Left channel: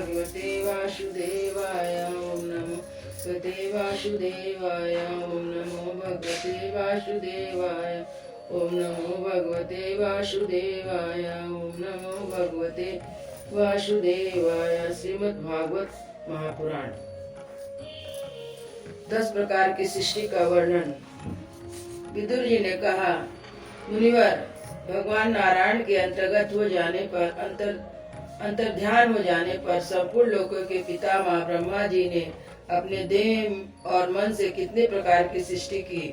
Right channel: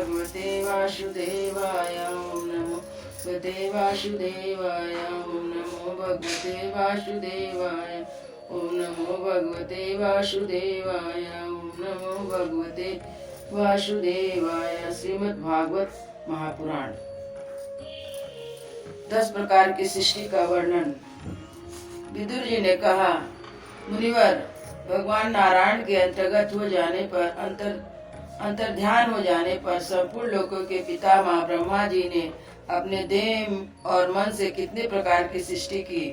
भगवते वासुदेवाय ओम नमो भगवते वासुदेवाय ओम नमो भगवते वासुदेवाय ओम नमो भगवते वासुदेवाय ओम नमो भगवते वासुदेवाय। श्रीमद् भागवत महापुराण 10 प्रकार की सृष्टि का वर्णन। विदुर जी ने कहा, मुनिवर, भगवान नारायण के अंतर्गत हो जाने पर अंतर्ध्यान हो जाने पर संपूर्ण लोकों के पितामह ब्रह्मा जी ने अपने देह और मन से कितने प्रकार की सृष्टि की।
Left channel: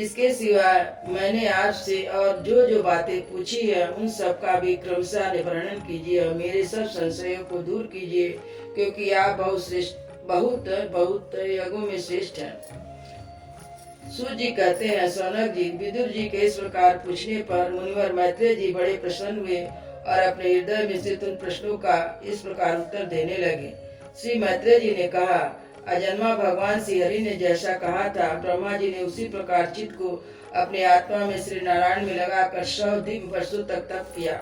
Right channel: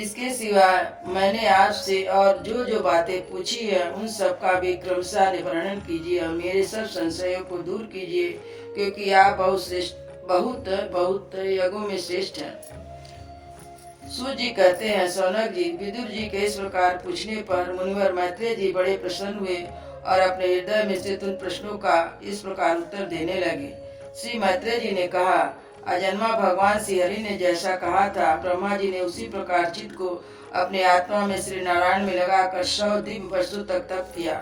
इसके सिवा मैंने आपसे और जो जो बातें पूछी है उन सब का भी क्रमशः वर्णन कीजिए और मेरे सब संशयों को दूर कीजिए, क्योंकि आप बहुत यज्ञों में श्रेष्ठ हैं। सूत जी कहते हैं, सौनक जी, विदुर जी के इस प्रकार पूछने पर मुनिवर मैत्रेय जी बड़े प्रसन्न हुए और अपने हृदय में स्थित उन प्रश्नों का इस प्रकार उत्तर देने लगे। श्री मैत्रेय जी ने कहा, अजन्मा भगवान श्री हरि ने जैसा कहा था, ब्रह्मा जी ने उसी प्रकार चित्त को अपने आत्मा में श्री नारायण में लगाकर 100 दिव्य वर्षों तक तप किया।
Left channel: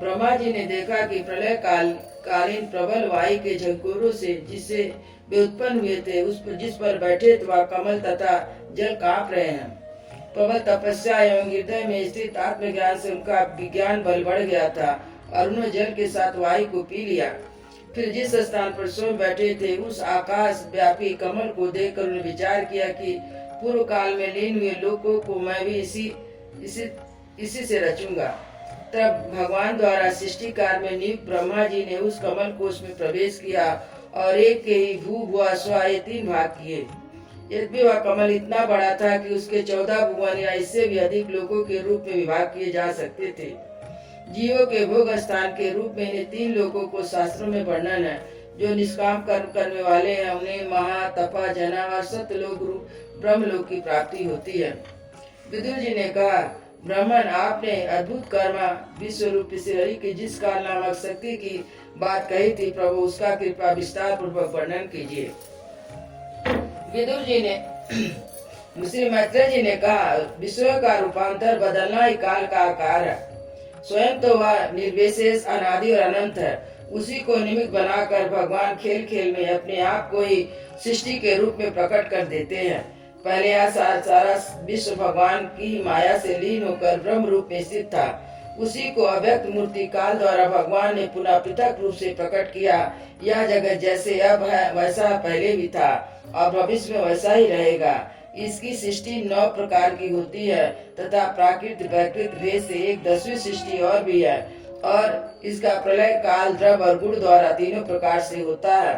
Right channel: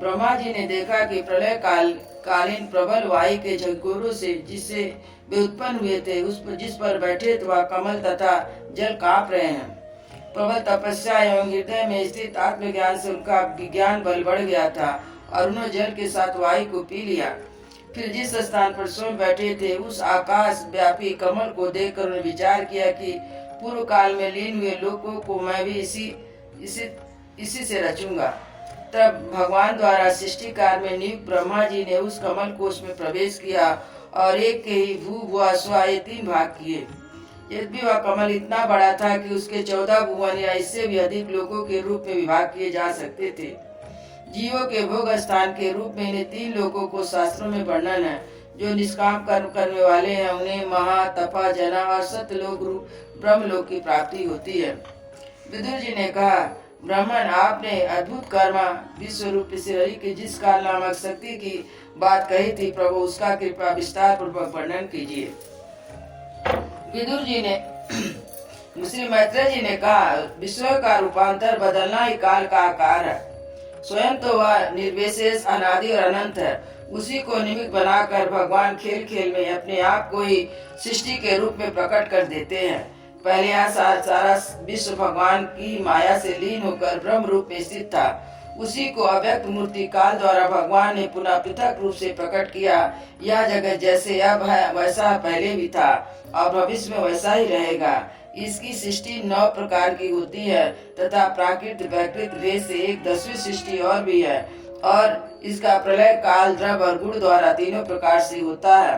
ब्रह्मा जी ने देखा कि प्रलय कालीन प्रबल वायु के झंकोरों से जिससे वे उत्पन्न हुए थे, जिस पर बैठे वह कमल तथा जल कांप रहे हैं। प्रबल तपस्या एवं हृदय में स्थित आत्मज्ञान से उनका विज्ञान बल बढ़ गया था और उन्होंने जल के साथ वायु को पी लिया। फिर जिस स्थान पर स्वयं बैठे थे उस आकाश व्यापी कमल को देखकर उन्होंने विचार किया कि पूर्व काल में लीन हुए लोगों को मैं भी इसी से रचूंगा। तब भगवान द्वारा सृष्टि कार्य में नियुक्त ब्रह्मा जी ने उस कमल कोश में प्रवेश किया और एक के ही भू भुआ स्वा ये 3 भाग किए। यद्यपि वह कमल इतना बड़ा था कि उसके 14 भुवन या इससे भी अधिक लोगों के रूप में विभाग किए जा सकते थे। जीवों के भोग स्थान के रूप में इन 3 लोगों को शास्त्रों में वर्णन है। जो निष्काम कर्म करने वाले हैं उन्हें महा, तपा, जना और सत्यलोक रूप ब्रह्मलोक की प्राप्ति होती है। विदुर जी ने कहा, ब्राह्मण, आपने अद्भुत कर्मा विश्व रूप श्री हरि की जिस काल नामक शक्ति की बात कही थी, प्रभु उसका कृपा विस्तार पूर्वक वर्णन कीजिए। विदुर जी ने श्री मैत्रेय जी ने कहा, विश्व का रूपांतर बदलना ही काल का आकार है। स्वयं तो वह निर्विशेष, अनादि और अनंत है। उसी को निमित्त बनाकर भगवान खेल खेल में अपने आप को ही सृष्टि के रूप में प्रकट कर देते हैं। पहले यह सारा विश्व भगवान की माया से लीन होकर ब्रह्म रूप में स्थित था। उसी को अव्यक्त मूर्ति काल द्वारा भगवान ने पुनः पृथक रूप से प्रकट किया। यह जगत जैसे अब है वैसा पहले भी था और भविष्य में वैसा ही रहेगा। इसकी सृष्टि 9 प्रकार की होती है तथा प्राकृत वैकृत भेद से एक 10वीं सृष्टि और भी है, और इसका प्रलय काल, द्रव और गुण द्वारा 3 प्रकार से होता है।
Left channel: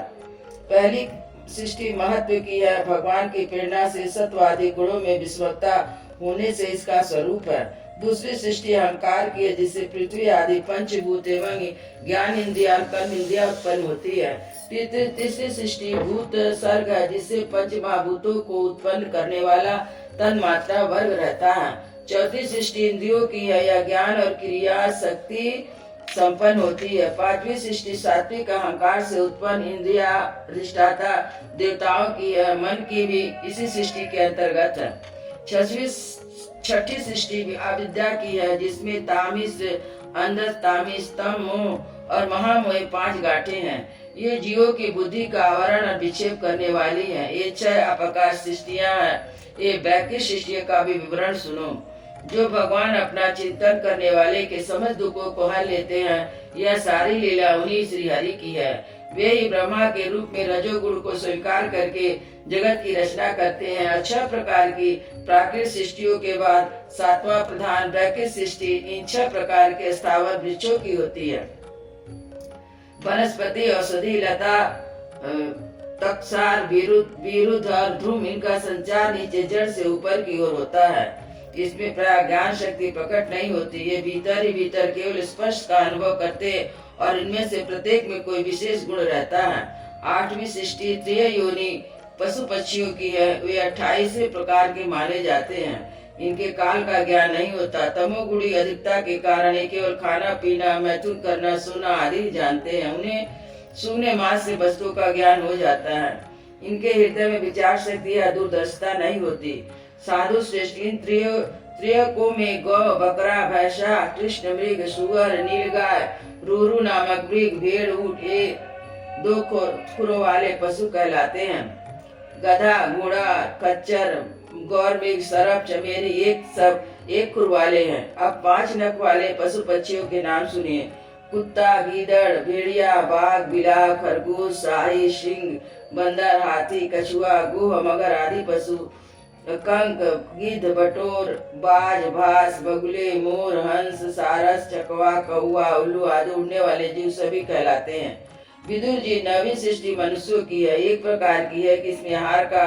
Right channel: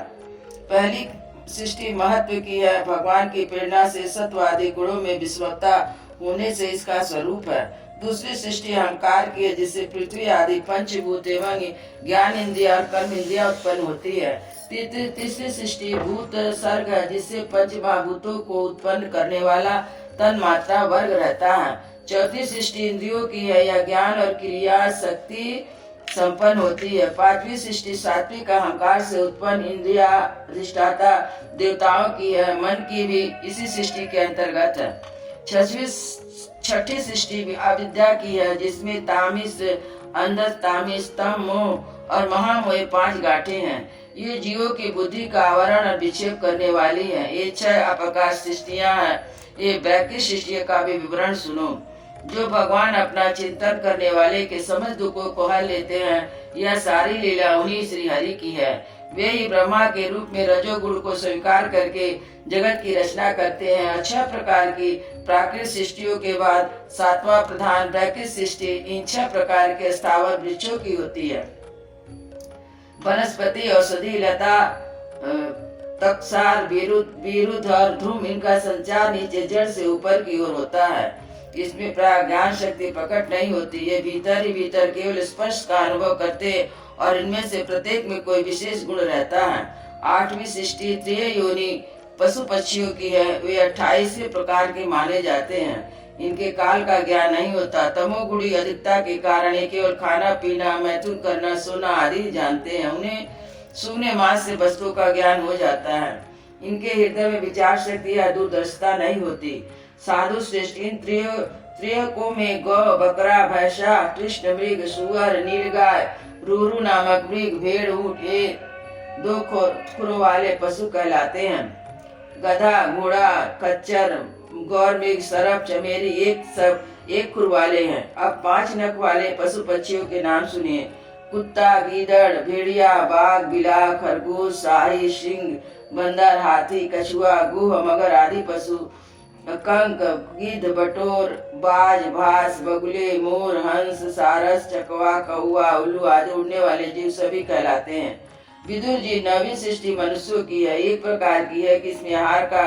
पहली सृष्टि महत्व की है। भगवान की प्रेरणा से सत्वादि गुणों में विस्मृतता होने से इसका स्वरूप है। दूसरी सृष्टि अहंकार की है, जिससे पृथ्वी आदि पंचभूत एवं ज्ञान इंद्रिया और कर्म इंद्रिया उत्पन्न होती है। तीसरी सृष्टि भूत सर्ग है, जिससे पंच महाभूतों को उत्पन्न करने वाला तन मात्रा वर्ग रहता है। चौथी सृष्टि इंद्रियों की है, यह ज्ञान और क्रिया शक्ति संपन्न होती है। 5वीं सृष्टि सात्विक अहंकार से उत्पन्न इंद्रिया अधिष्ठाता देवताओं की है। मन की भी इसी सृष्टि के अंतर्गत है। छठी सृष्टि अविद्या की है, जिसमें तामिस, अंधस, तामिस, तम, मोह और महामोह 5 गांठें हैं। ये जीवों की बुद्धि का आवरण और विक्षेप करने वाली है। ये 6 अपकाश सृष्टियाँ हैं। ये वैकृत सृष्टियों का भी विवरण सुनो। जो भगवान अपना चिंतन करने वाले के समस्त दुखों को हल लेते हैं, यह सारी लीला उन्हीं श्री हरि की है। वे ही ब्रह्मा के रूप में रजोगुण को स्वीकार करके जगत की रचना करते हैं। 6 प्रकार की प्राकृतिक सृष्टियों के बाद 7वां प्रधान वैकृत सृष्टि इन 6 प्रकार के स्थावर वृक्षों की होती है। वनस्पति, औषधि, लता, तक्षार, विरुद्ध और ध्रुम, इनका संचार नीचे जड़ से ऊपर की ओर होता है। इसमें प्राय ज्ञान शक्ति प्रकट नहीं होती। ये भीतर ही भीतर केवल स्पर्श का अनुभव करते और इनमें से प्रत्येक में कोई विशेष गुण रहता है। 8वीं सृष्टि त्रिय योनि पशु पक्षियों की है। वे 28 प्रकार के माने जाते हैं। इनके काल का ज्ञान नहीं होता। तमोगुणी अधिकता के कारण ये केवल खाना पीना, मैथुन करना, सोना आदि जानते हैं। उन्हें सूने मास से वस्तुओं का ज्ञान हो जाता है। इनके हृदय में विचार शक्ति या दूरदर्शिता नहीं होती। साधु श्रेष्ठ इन त्रियकों में गौ, बकरा, भैंसा, कृष्ण, मृग, सुअर, नीलगाय, रूरू नामक मृग, भेड़, ऊंट ये दो खुरों वाले पशु कहलाते हैं। गधा, घोड़ा, खच्चर, गौर मृग, सरप, चमेली एक खुर वाले हैं। अब 5 नख वाले पशु पक्षियों के नाम सुनिए। कुत्ता, गीदड़, भेड़िया, बाघ, बिलाव, खरगोश, शाही, सिंह, बंदर, हाथी, कछुआ, गुह, मगर आदि पशु। कंक, गिद्ध, बटोर, बाज, भास, बगुले, मोर, हंस, सारस, चकवा, कौआ, उल्लू आदि उड़ने वाले जीव सभी कहलाते हैं। विदुर जी, नवीन सृष्टि मनुष्यों की है। एक प्रकार की है कि इसमें आहार का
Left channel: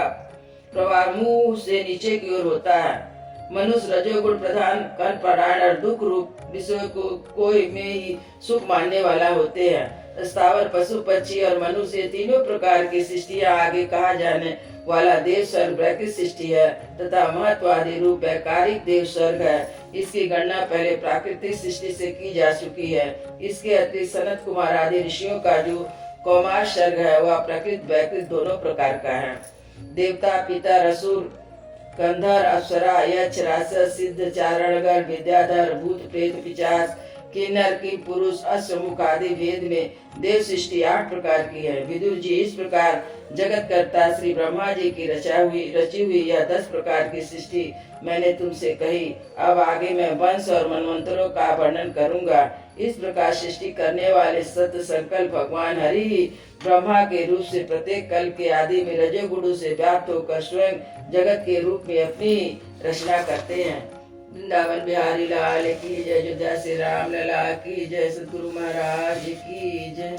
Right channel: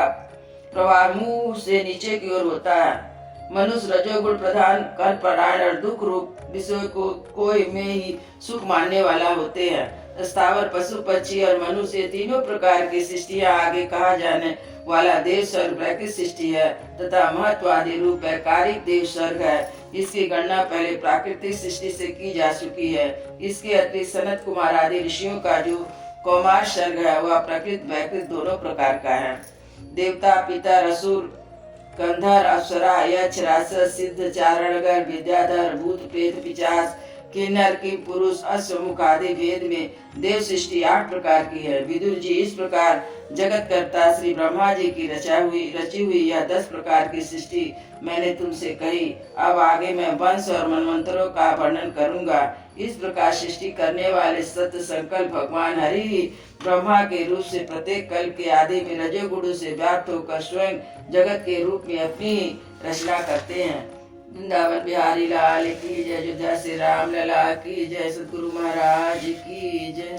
प्रवाह मुंह से नीचे की ओर होता है। मनुष्य रजोगुण प्रधान, कर्म परायण और दुख रूप विषय को कोई में ही सुख मानने वाला होते हैं। स्थावर, पशु, पक्षी और मनुष्य तीनों प्रकार की सृष्टियाँ आगे कहा जाने वाला देव स्वर्ग वैकृत सृष्टि है तथा महत्वादी रूप है कारिक देव स्वर्ग है। इसकी गणना पहले प्राकृतिक सृष्टि से की जा चुकी है। इसके अतिरिक्त सनत कुमार आदि ऋषियों का जो कौमार सर्ग है वह प्रकृत वैकृत दोनों प्रकार का है। देवता, पितर, असुर, गंधर्व, अप्सरा, यक्ष, राक्षस, सिद्ध, चारणगर, विद्याधर, भूत, प्रेत, पिशाच, किन्नर, की पुरुष, अश्वमुख आदि वेद में देव सृष्टि 8 प्रकार की है। विदुर जी, इस प्रकार जगत कर्ता श्री ब्रह्मा जी की रची हुई यह 10 प्रकार की सृष्टि मैंने तुमसे कही। अब आगे मैं वंश और मनवंतरों का वर्णन करूंगा। इस प्रकार सृष्टि करने वाले सत्य संकल्प भगवान हरि ही ब्रह्मा के रूप से प्रत्येक कल के आदि में रजोगुण से व्याप्त होकर स्वयं जगत के रूप में अपनी रचना करते हैं। वृंदावन बिहारी लाल की जय। अयोध्या से राम लला की जय। सतगुरु महाराज की जय।